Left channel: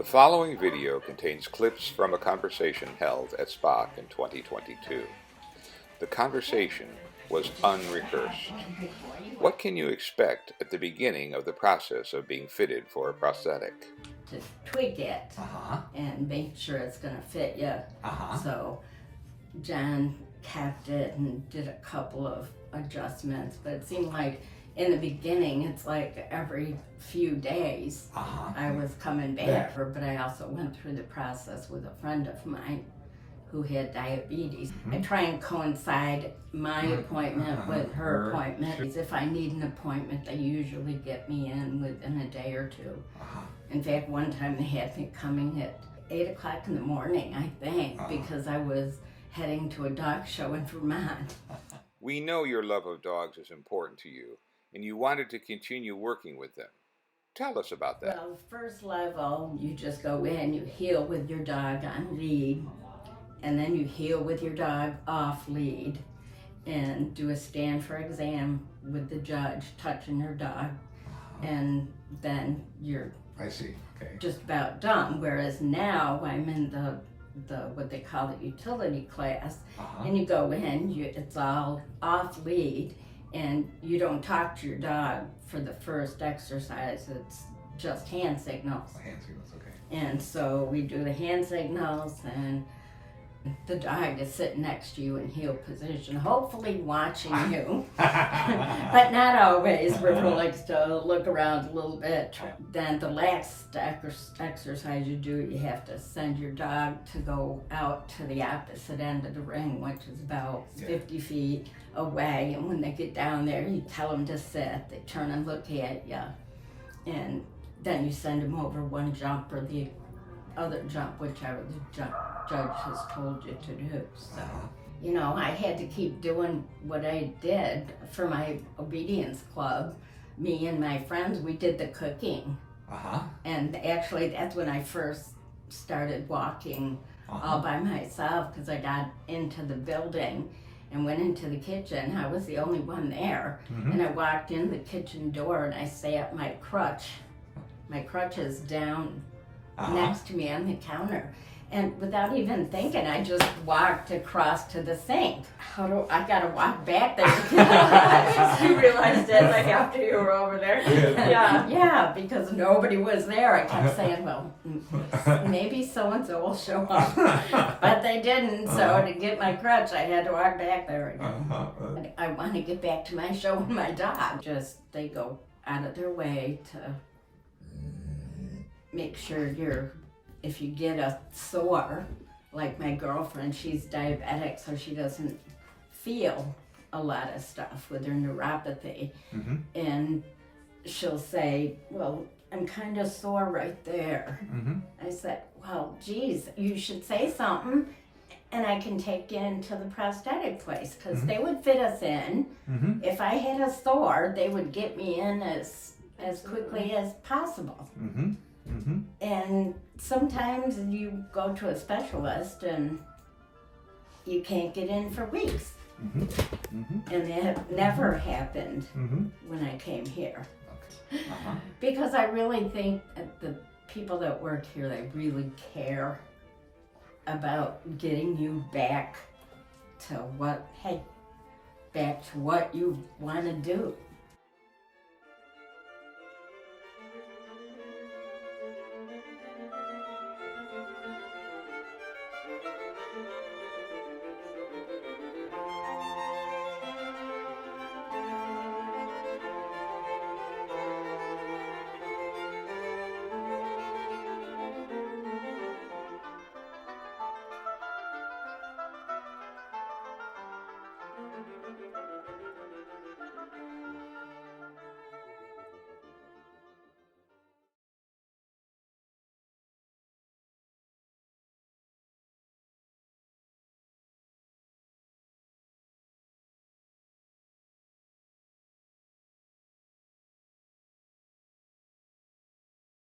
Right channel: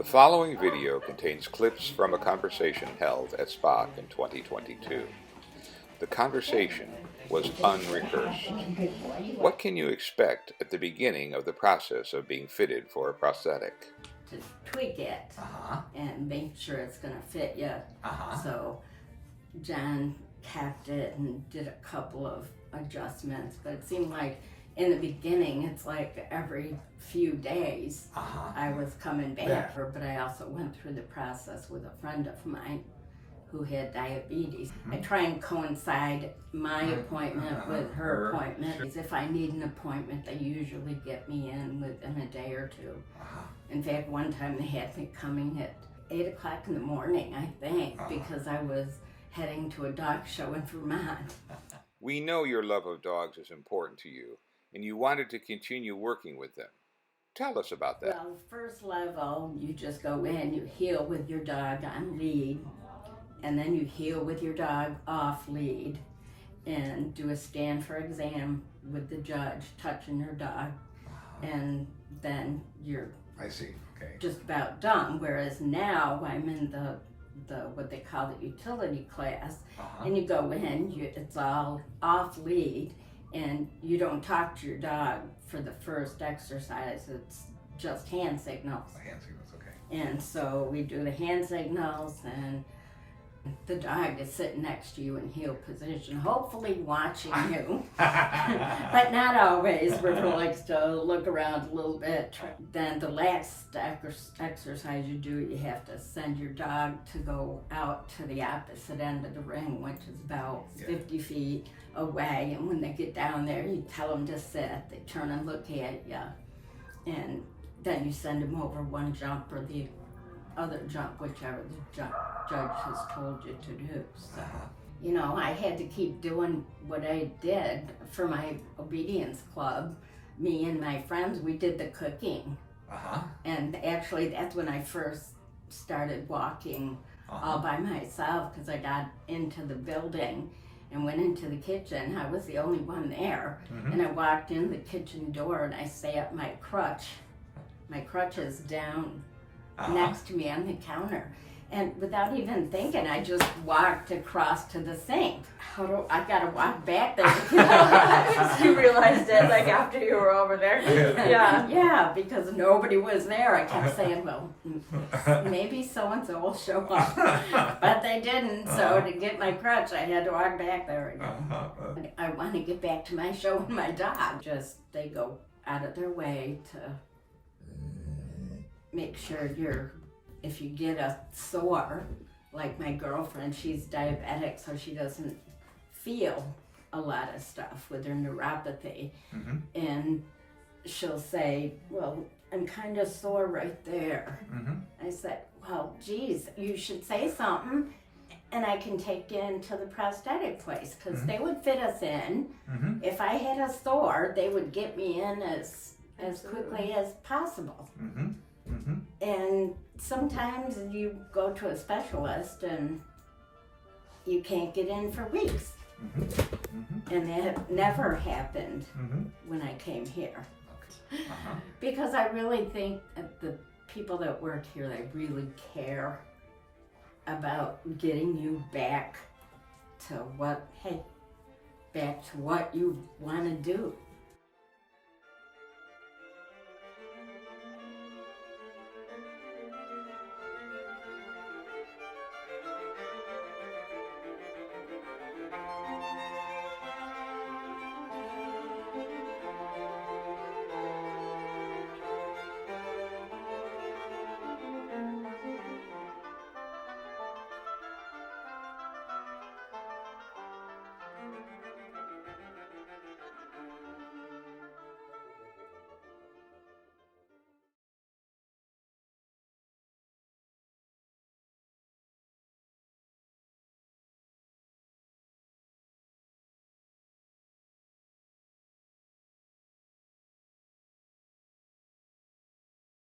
The following video contains clips from a conversation held at SPOC in 2022. The conversation was unrehearsed. What can you expect at the beginning of the process of being fitted for a prosthetic? To tweak it and make sure it's going to fit you. So John capped it and did a couple of adjustments, but it seemed like in the beginning it's like every few days I was coming back. But I also went through the process with a friend of mine who had diabetes. I try and coincide my appointment with her appointment. If I need an appointment, they usually get me in within a day or two. In fact, one time they had me coming at 8 o'clock in the morning, I think, because I was heading to a dog show in Vermont. We know your love of dogs is important to you, and you wanted to continue working with them. Tell us about that. Well, first level, you just go in, you heel with your dog on lead, and then you heel with your dog off lead, and do a stand for exam with the judge touching your dog, and then you're just about done. Whereas now I'm in the what they call the utility class, and you go in, it's all off lead, and you don't talk to your dog for the first exercise. It's just hand signals. Hand signals, okay. And so we do the hand signals, and the dog is sitting next to you in heel position, hopefully watching you, but not always. River likes to look around a little bit. Then the last exercise you do, you have to send your dog to go out to the opposite end of the ring, which is about 50 feet away. And when they get down there, you tell them to sit. They turn and look at you, and then you send them over one jump or the other jump, whichever the judge has told you to do. So, you know, I had to keep doing what I did for my obedience club. Me and my friends, we did the cooking. And actually, that's when I first started walking all by myself, because I got into the building and went into the kitchen. I was the only one there. And I walked in the kitchen door, and I sat my crutches down next to me on the counter, and without even thinking, I just walked across to the sink. I gotta walk back there because you realized it like after you were over there. Yeah, because nobody was there. I kept saying, well, maybe so-and-so will show up, but they didn't. So to get my crutch, I had to walk back there again. I want to get back to my show with my dog. They go out of their way to make sure if you get a sore, like my girlfriend, she's diabetic, so she doesn't feel a lot of stuff with her neuropathy. And she'll say, well, I'm kind of sore right there. I said, well, geez, you should say something, and I can take you into the prosthetic place, because they would fit us in. If I had a sore, they would get me in as quickly as possible. And sometimes you go to a specialist and you can't get in for weeks. And that never happened when I came here. Because I really think that the people that work here, they really care about getting you back to what you want to do.